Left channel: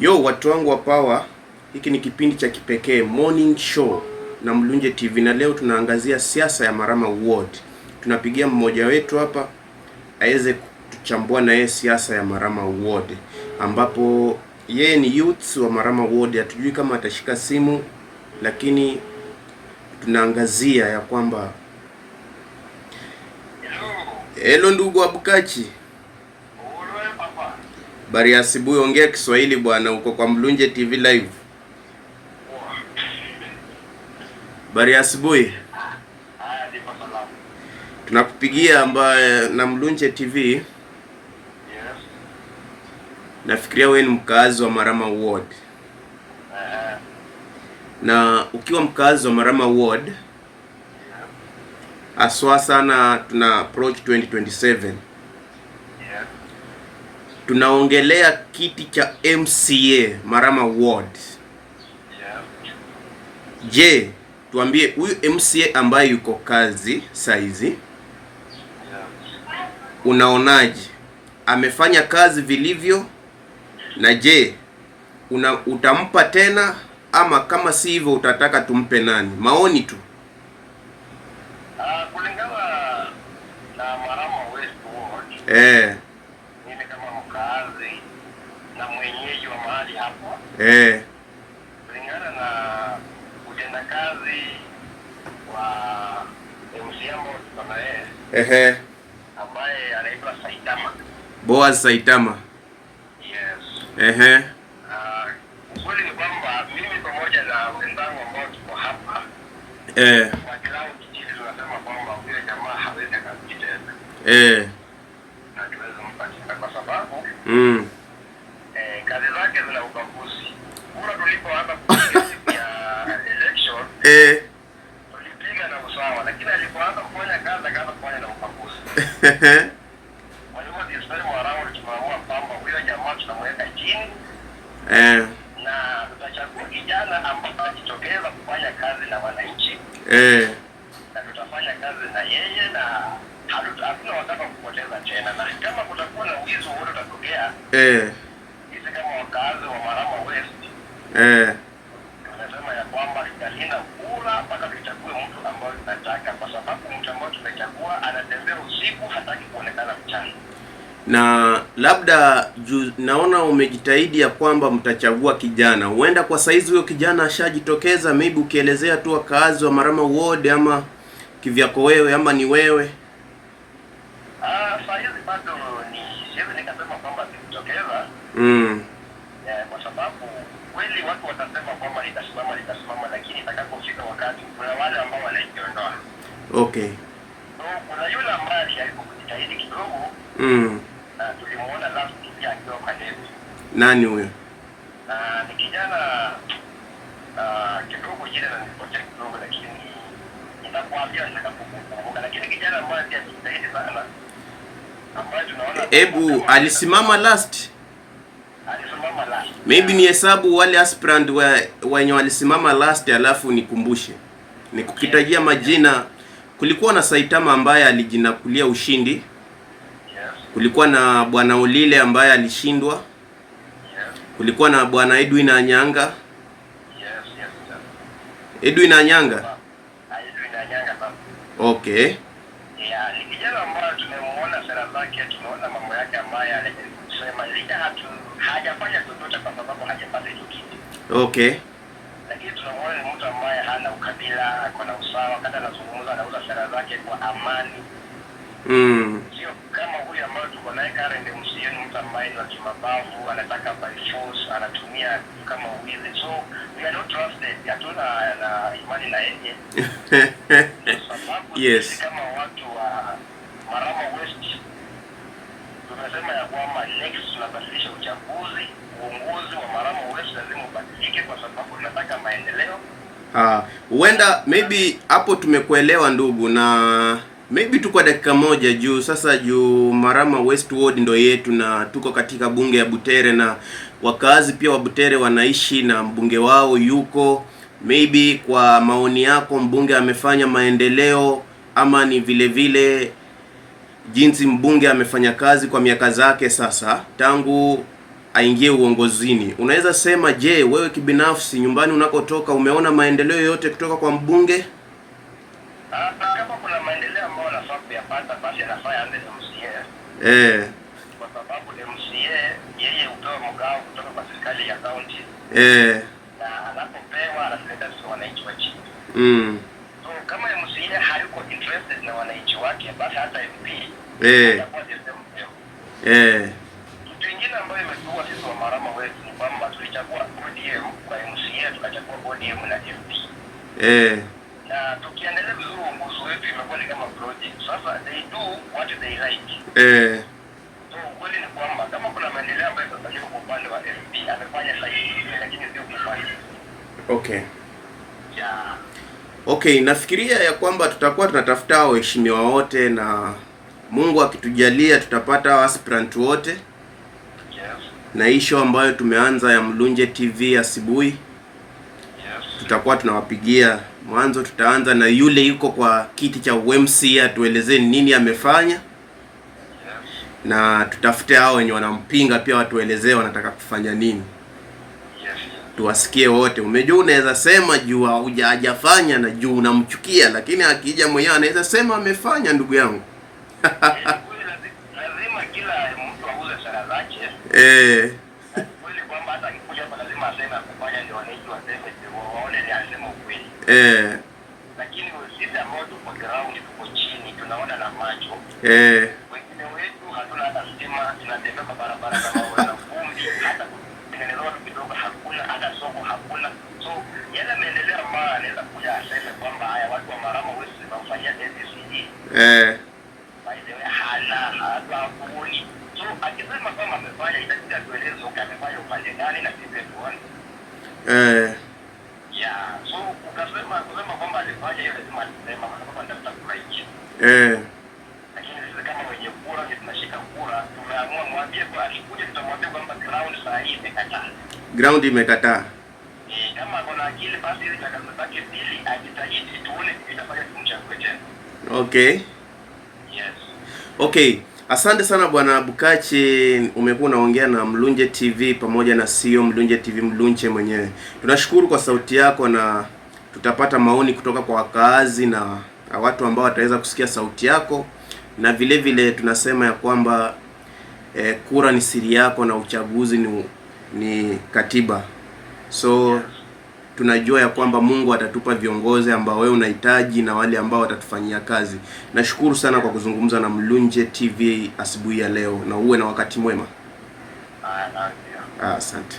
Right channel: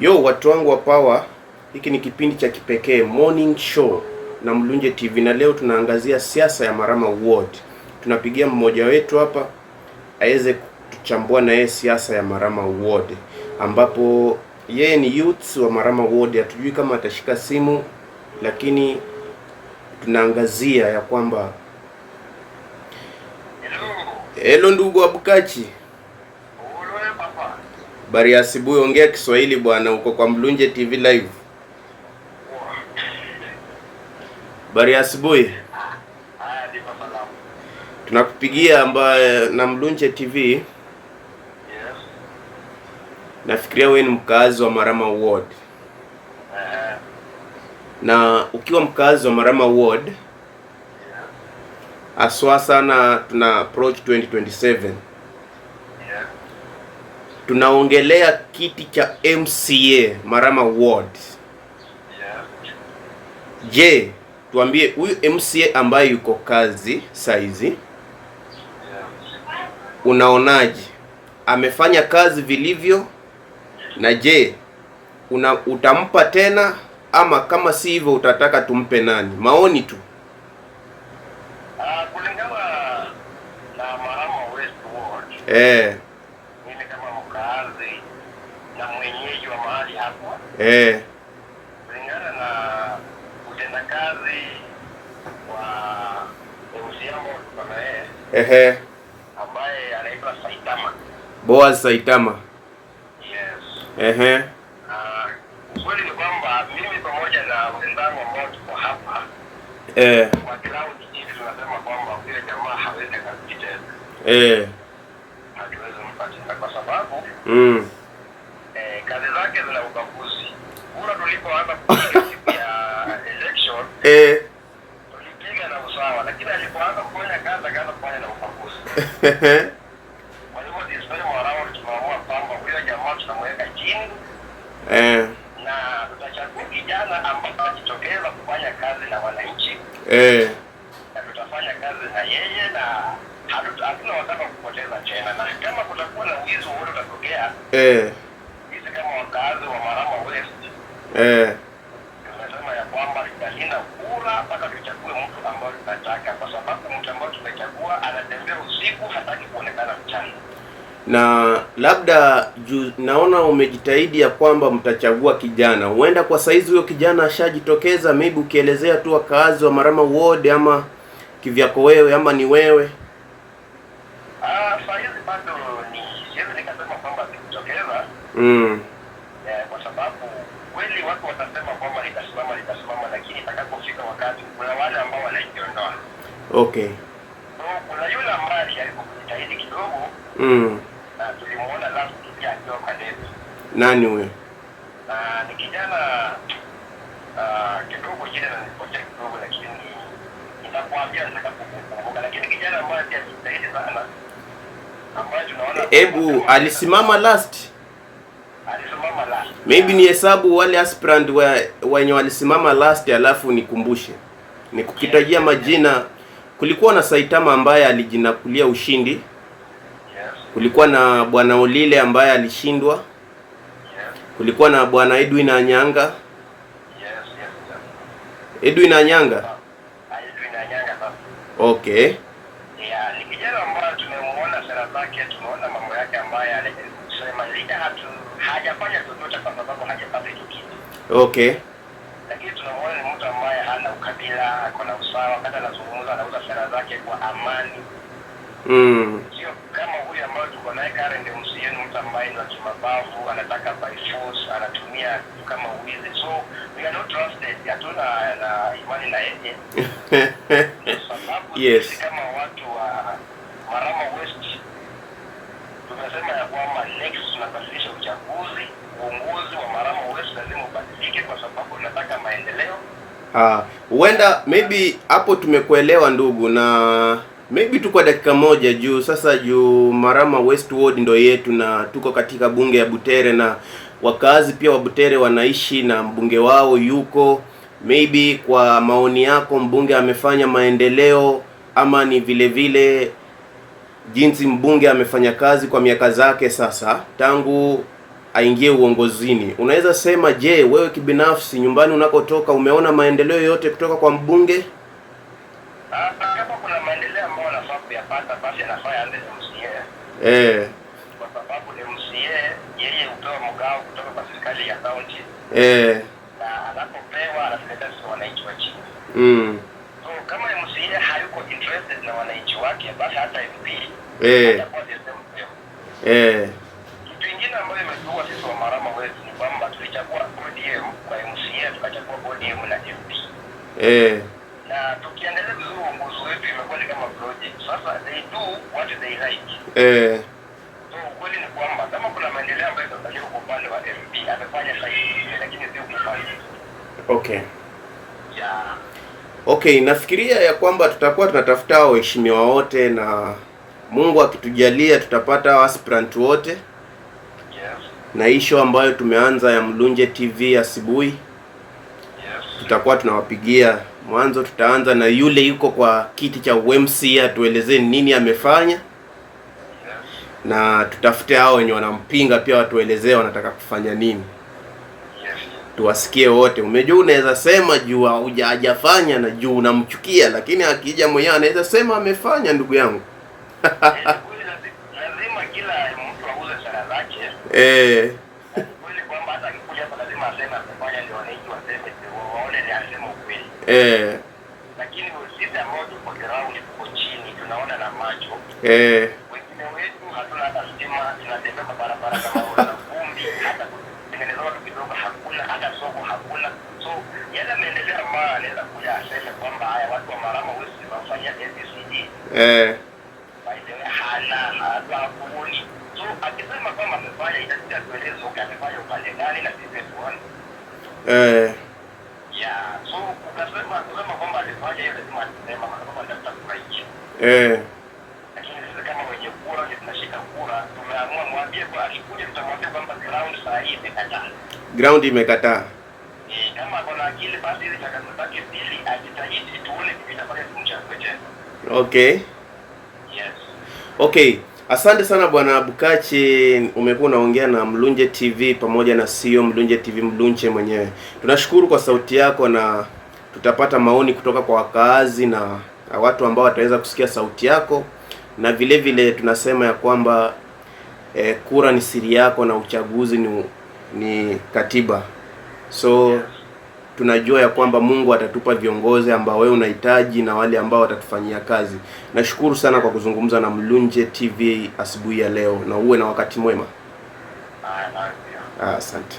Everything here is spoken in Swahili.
Yo, watu wangu wa power, hiki ni kipindi cha kipekee morning show na Mlunje TV, na leo tunaangazia siasa ya Marama Ward. Tunapigia mmoja wetu hapa aweze kuchambua na yeye siasa ya Marama Ward, ambapo yeye ni youth wa Marama Ward. Hatujui kama atashika simu, lakini tunaangazia ya kwamba hello ndugu Abukachi. Bari asubuhi, ongea Kiswahili bwana, uko kwa Mlunje TV live. Bari asubuhi. Haya, ndipo salamu. Tunakupigia ambaye na Mlunje TV. Yes. Nafikiria wewe ni mkazi wa Marama Ward. Na ukiwa mkazi wa Marama Ward, Yeah. aswa sana tuna approach 2027. Yeah. Tunaongelea kiti cha MCA Marama Ward. Yeah. Je, tuambie huyu MCA ambaye yuko kazi saizi, Yeah. unaonaje? Amefanya kazi vilivyo? Na je, utampa tena, ama kama si hivyo utataka tumpe nani? Maoni tu. Kulingana na Marama West Ward, mimi kama mkazi na mwenyeji wa mahali hapo, kulingana na utendakazi wa MCA ambao tuko na yeye, ambaye anaitwa Saitama. Boaz Saitama. Yes. Kweli ni kwamba mimi pamoja na wenzangu ambao tuko hapa kwa ground chini tunasema kwamba yule jamaa hawezi kazi tena. Hatuwezi mpatia kwa sababu kazi zake zina ubaguzi. Kura tulipoanza kupiga siku ya election tulipiga na usawa, lakini alipoanza kufanya kazi akaanza kufanya na ubaguzi. Kwa hivyo this time around tunaamua kwamba yule jamaa tunamweka chini na tutachagua kijana ambaye atajitokeza kufanya kazi na wananchi, na tutafanya kazi na yeye, na hatuna wataka kupoteza tena. Na kama kutakuwa na wizi wote utatokea, sisi kama wakazi wa Marama West tunasema ya kwamba tutalinda kura mpaka tuchague mtu ambaye tunataka, kwa sababu mtu ambaye tumechagua anatembea usiku, hataki kuonekana mchana. Na labda naona umejitahidi ya kwamba mtachagua kijana. Huenda kwa saizi huyo kijana ashajitokeza, maybe ukielezea tu wakazi wa Marama Ward, ama kivyako wewe, ama ni wewe? Saizi bado siwezi nikasema kwamba sikutokeza. Kwa sababu kweli watu watasema kwamba litasimama, lakini itakapofika wakati kuna wale ambao wanajiondoa. Okay. So kuna yule ambaye alijaribu kujitahidi kidogo. Na tulimuona last pia akiwa kwa debe. Nani huyo? Ni kijana kidogo jina na nipotea kidogo, lakini nitakwambia nitakapokumbuka. Lakini kijana ambaye pia alijitahidi sana, ambaye tunaona alisimama last. Alisimama last. Maybe ni hesabu wale aspirant wenye walisimama last, alafu nikumbushe. Nikukitajia majina. Kulikuwa na Saitama ambaye alijinakulia ushindi. Kulikuwa na Bwana Olile ambaye alishindwa. Kulikuwa na Bwana Edwin Anyanga. Edwin Anyanga. Okay. Ni kijana ambaye tumemuona sera zake, tumeona mambo yake ambaye alijaribu kusema, licha hajafanya chochote kwa sababu hajapata hicho kiti. Okay. Lakini tunamuona ni mtu ambaye hana ukabila, ako na usawa, kata anazungumza, anauza sera zake kwa amani. Sio kama huyu ambaye tuko naye current MCA, mtu ambaye ni wa kimabavu, anataka by force, anatumia kama wizi. So we are not trusted, hatuna na imani na yeye. Sababu sisi kama watu wa Marama West tunasema ya kwamba next tunabadilisha uchaguzi, uongozi wa Marama West lazima ubadilike, kwa sababu tunataka maendeleo. Huenda maybe hapo tumekuelewa ndugu, na maybe tuko dakika moja juu Marama West Ward ndo yetu, na tuko katika bunge ya Butere, na wakazi pia wa Butere wanaishi na mbunge wao yuko. Maybe kwa maoni yako, mbunge amefanya maendeleo, ama ni vile jinsi mbunge amefanya kazi kwa miaka zake sasa tangu aingie uongozini. Unaweza sema, je, wewe kibinafsi nyumbani unakotoka umeona maendeleo yote kutoka kwa mbunge? Kama kuna maendeleo ambayo anafaa kuyapata, basi anafaa aanze na MCA. Kwa sababu MCA yeye hupewa mgao kutoka kwa serikali ya county. Na anapopewa analeta kwa wananchi wa chini. So kama MCA hayuko interested na wananchi wake, basi hata MP atakuwa the kitu kingine ambayo imetuwa sisi wa Marama wetu ni kwamba tulichagua ODM kwa MCA, tukachagua ODM na MP. Na tukiendelea vizuri uongozi wetu imekuwa ni kama project. Sasa they do what they like. So kweli ni kwamba kama kuna maendeleo ambayo yatafanyika kwa upande wa MP amefanya sahihi, lakini sio kufanya. Okay, nafikiria ya kwamba tutakuwa tunatafuta waheshimiwa wote na Mungu akitujalia tutapata aspirant wote. Na hii show ambayo tumeanza ya Mlunje TV asubuhi, tutakuwa tunawapigia. Mwanzo tutaanza na yule yuko kwa kiti cha UMC atuelezee nini amefanya. Na tutafute hao wenye wanampinga pia watuelezee wanataka kufanya nini. Tuwasikie wote. Umejua unaweza sema juu hajafanya na juu unamchukia, lakini akija mwenyewe anaweza sema amefanya, ndugu yangu. Lazima kila mtu auze sera zake. Kweli kwamba hata akikuja hapa lazima aseme amefanya, ndio wananchi waseme waone ni asema ukweli. Lakini sisi ambao tuko ground, tuko chini, tunaona na macho. Wengine wetu hatuna hata stima, tunatembea kwa barabara kama wala vumbi, hata kutengeneza watu kidogo hakuna, hata soko hakuna. So yale maendeleo ambayo anaweza kuja aseme kwamba haya watu wa Marama wetu tunafanyia ABCD. By the way hakuoni. So akisema kwamba amefanya itabidi atueleze amefanya upande gani na sisi tuone. So kusema kwamba alifanya hiyo lazima tuseme kwamba ndio kurahisisha. Lakini sisi kama wenye kura ni tunashika kura, tumeamua mwambie kwa akikuja tutamwambia kwamba ground saa hii imekataa. Ground imekataa. Kama kuna akili basi ile jakazabaki pili ajitahidi tuone kitafanya tumchague tena. Okay, asante sana Bwana Bukachi, umekuwa unaongea na Mlunje TV pamoja na CEO Mlunje TV Mlunje mwenyewe. Tunashukuru kwa sauti yako na tutapata maoni kutoka kwa wakaazi na watu ambao wataweza kusikia sauti yako, na vile vile tunasema ya kwamba kura ni siri yako na uchaguzi ni katiba. So tunajua ya kwamba Mungu atatupa viongozi ambao wewe unahitaji na wale ambao watatufanyia kazi. Nashukuru sana kwa kuzungumza na Mlunje TV asubuhi ya leo, na uwe na wakati mwema. Asante.